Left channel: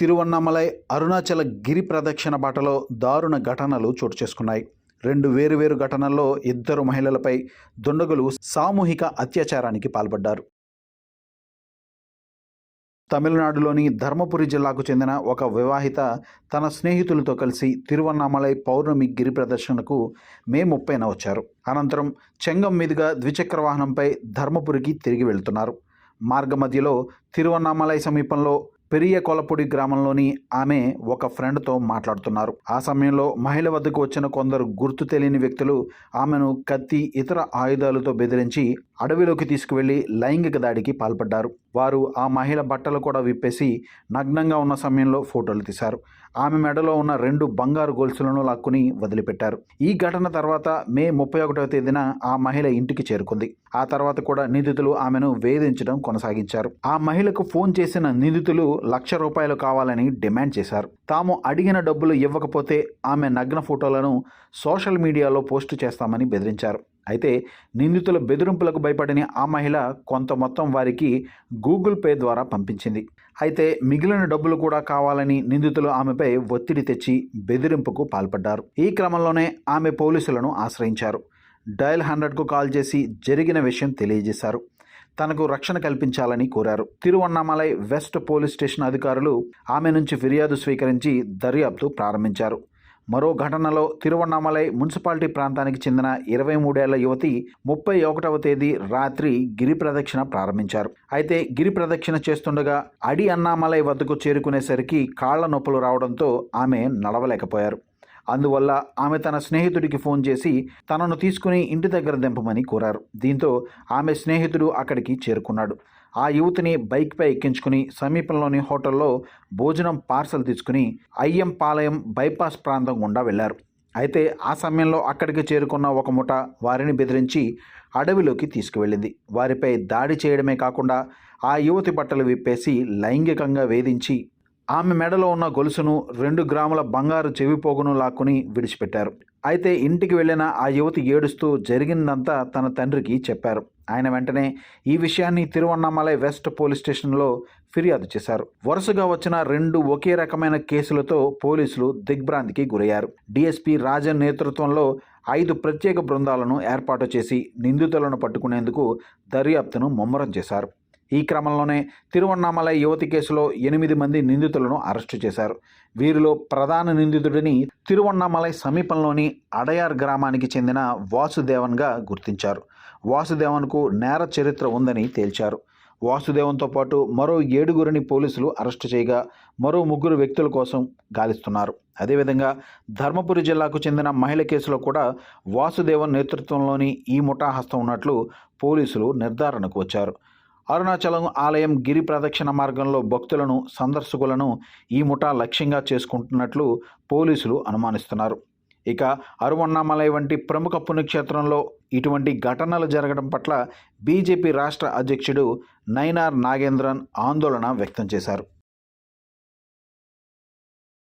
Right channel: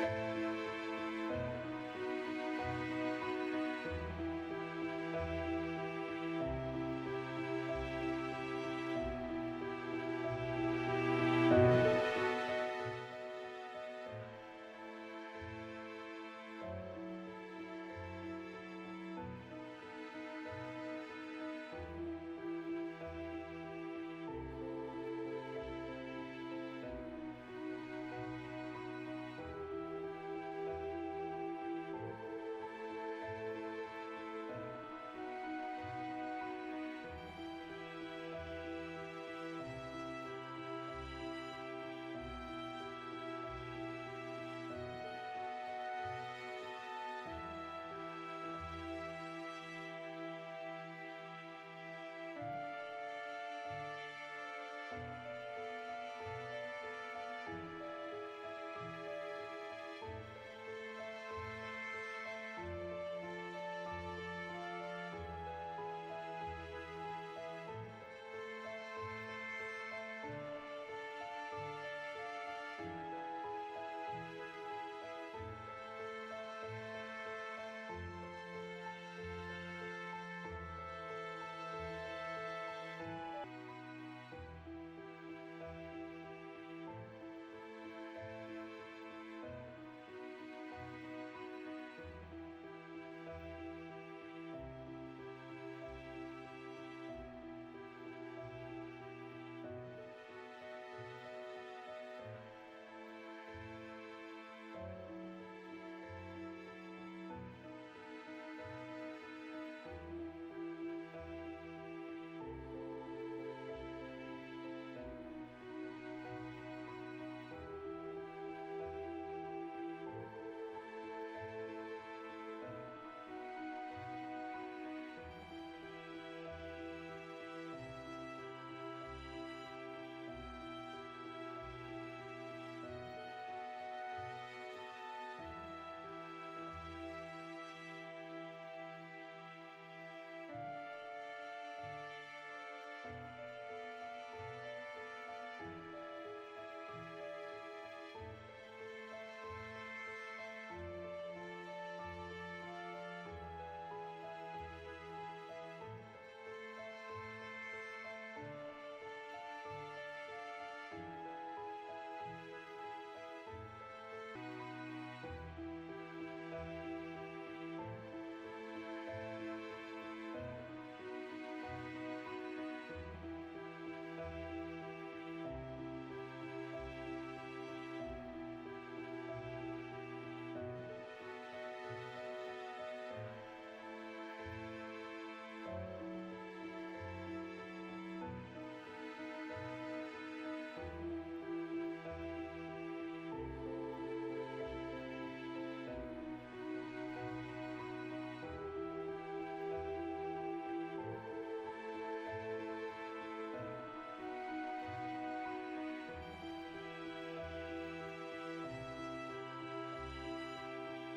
తిరువన్నామలై అరుణాచల గిరి ప్రదక్షిణ బాటలో దారుణ ఘటనలు చోటు చేసుకున్నాయి. రెండు వేరువేరు ఘటనల్లో ఇద్దరు మహిళలపై దుండగులు సామూహిక అత్యాచారానికి పాల్పడ్డారు. తమిళనాడులోని ధర్మపురి జిల్లాకు చెందిన ఒక వివాహిత తన స్నేహితులతో కలిసి తిరువన్నామలై పౌర్ణమి గిరి ప్రదర్శనకు మే 30న వచ్చారు. అనంతరం చెంగం మీదుగా ద్విచక్ర వాహనంపై ధర్మపురికి తిరిగి వెళ్తున్నారు. మార్గ మధ్యలో తిరువన్నామలై సమీపంలో పెరియ కొలపొడి గ్రామంలోని ఆమె ఒక ఫ్రెండ్తో మాట్లాడుతున్నారు. ఆ సమయంలో మహిళ వద్దకు వచ్చిన కొందరు గుర్తు తెలియని వ్యక్తులు ఆమెను కత్తి, ఇతర ఆయుధాలతో బెదిరించి అడవిలోకి తీసుకువెళ్లి లైంగిక దాడికి పాల్పడ్డారు. వారు ఆ మహిళ బట్టలు కూడా విప్పేసి నగ్నంగా ఉన్న సమయంలో ఫోటోలు తీశారు. ఆమె మెడలో ఉన్న 2 బంగారు గొలుసులను లాక్కుని వదిలిపెట్టారు. ఈ ఘటన తర్వాత మే 31వ తేదీన ఆ మహిళ ఇంటికి చేరుకుంది. ఆ తర్వాత కూడా నిందితులు ఆమెను వేధించడం కొనసాగించారు. ఆ మహిళకు ఫోన్ చేసిన నిందితులు ₹1,00,000 కావాలని డిమాండ్ చేశారు. తాము అడిగిన డబ్బులు ఇవ్వకపోతే ఆమె నగ్న ఫోటోలను సోషల్ మీడియాలో పోస్టు చేస్తామని బెదిరించారు. అయితే నిందితుల బెదిరింపులకు భయపడిన ఆ మహిళ కొంత మొత్తం వారికి గూగుల్ పే ద్వారా పంపించింది. అయితే మిగిలిన డబ్బులు కూడా కావాలని నిందితులు ఆమెపై ఒత్తిడి తెచ్చి బెదిరింపుకు పాల్పడ్డారు. ఈ క్రమంలోనే ఆమె పోలీసులను ఆశ్రయించారు. డయల్ 100కు కాల్ చేసి జరిగిన విషయం తెలియజేశారు. తనకు రక్షణ కల్పించాలని కోరారు. తిరువన్నామలై వెస్ట్ పోలీస్ స్టేషన్ అధికారులు ఆమె నుంచి ఫిర్యాదు స్వీకరించి దర్యాప్తు ప్రారంభించారు. మరో ఘటనలో తిరువన్నామలై మున్సిపాలిటీ ప్రాంతానికి చెందిన 23 ఏళ్ల యువతి 31వ తేదీ రాత్రి గిరి ప్రదక్షిణ ప్రారంభించారు. అయితే గిరి ప్రదక్షిణ చేస్తుండగా అడి అన్నామలై వద్దకు చేరుకునేసరికి కాళ్ల నొప్పులు రావడంతో ఆమె నడవలేకపోయారు. అందువల్ల ఆమె తన స్నేహితుడికి ఫోన్ చేసి తనను తీసుకుని ఇంటి దగ్గర దింపమని కోరారు. దీంతో ఆమె స్నేహితుడు అక్కడికి చేరుకున్నాడు. ఆ యువతిని బైక్పై ఎక్కించుకుని సమీపంలోని హోటల్లో భోజనం పార్సల్ తీసుకుని అయ్యంపాలయం బైపాస్ ప్రాంతం గుండా వెళ్లారు. అయితే ఆ సమయంలో అక్కడికి చేరుకున్న ఒక ముఠ వారిని బెదిరించి అడవిలోకి తీసుకువెళ్ళింది. వారిపై దాడి చేయడమే కాకుండా ఆ యువతి బట్టలు విప్పేసి లైంగికంగా వేధించి ఆమె మెడలో ఉన్న గొలుసును 2 గ్రాముల బంగారు చెవిపోగును లాక్కుని విడిచిపెట్టారు. అయితే ఇంటికి వెళ్ళిన ఆ యువతి ఏడుస్తూ జరిగిందంతా తన తండ్రికి చెప్పారు. ఆయన వెంటనే ఈ విషయాన్ని తిరువన్నామలై వెస్ట్ పోలీస్ స్టేషన్లో ఫిర్యాదు చేశారు. వరుసగా వచ్చిన 2 ఒకే రకమైన కేసులతో పోలీసులు దిగ్భ్రాంతికి గురయ్యారు. డీఎస్పీ రాజన్ నేతృత్వంలో 5 ప్రత్యేక బృందాలను ఏర్పాటు చేసి నిందితులను పట్టుకునేందుకు దర్యాప్తును ముమ్మరం చేశారు. ఈ క్రమంలోనే తిరువన్నామలై యువతి కేసులో 8 మంది నిందితులను అరెస్టు చేశారు. వీరిలో ప్రధాన నిందితుడిని తిరువన్నామలై సమీపంలోని అడయార్ గ్రామానికి చెందిన వాసుదేవన్గా గుర్తించారు. వాసుదేవన్కు నేర చరిత్ర ఉందని తేల్చారు. వాసుదేవన్తో పాటు మరో 7గురిని పోలీసులు అరెస్టు చేయగా మరో 3 వ్యక్తుల కోసం గాలిస్తున్నారు. అదేవిధంగా ధర్మపురి జిల్లాకు చెందిన మహిళ కేసులో కూడా వాసుదేవన్ నేతృత్వంలోని ఈ ముఠా హస్తం ఉన్నట్లు పోలీసులు నిర్ధారణకు వచ్చారు. అరుణాచలం ఆలయం గిరి ప్రదక్షిణ మార్గంలో భక్తులను, సందర్శకులను ఈ ముఠా లక్ష్యంగా చేసుకుంటున్నట్లు పోలీసులు అనుమానిస్తున్నారు. ఇక అరువన్నామలై వంటి ప్రముఖ పుణ్యక్షేత్రంలో ఇటువంటి ఘటనలు జరగడం పట్ల బీజేపీ రాష్ట్ర అధ్యక్షుడు నైనార్ నాగేంద్రన్ ఆందోళన వ్యక్తం చేశారు.